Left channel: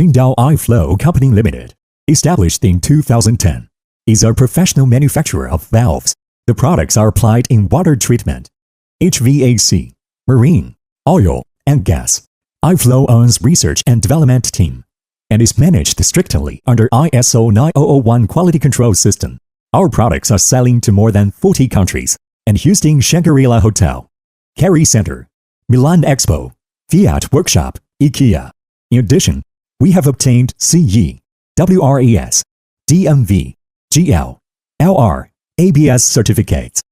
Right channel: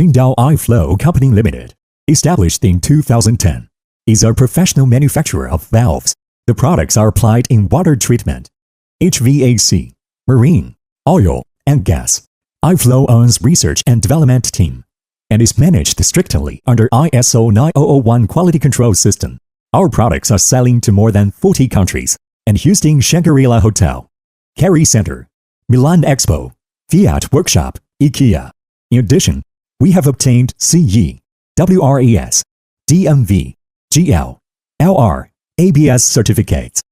Qingdao I-Flow Company Limited, established in 2010, is a professional manufacturer of valves. The products are applied in water treatment, HVAC, marine, oil, and gas. I-Flow owns research and development team and is managed strictly under ISO 9001 quality control system. Our products are selling to more than 40 countries and Houston Shangri-La Hotel, Kerry Center, Milan Expo, Fiat Workshop, IKEA. In addition, we have obtained CE, WRES, DMV, GL, LR, ABS certificates.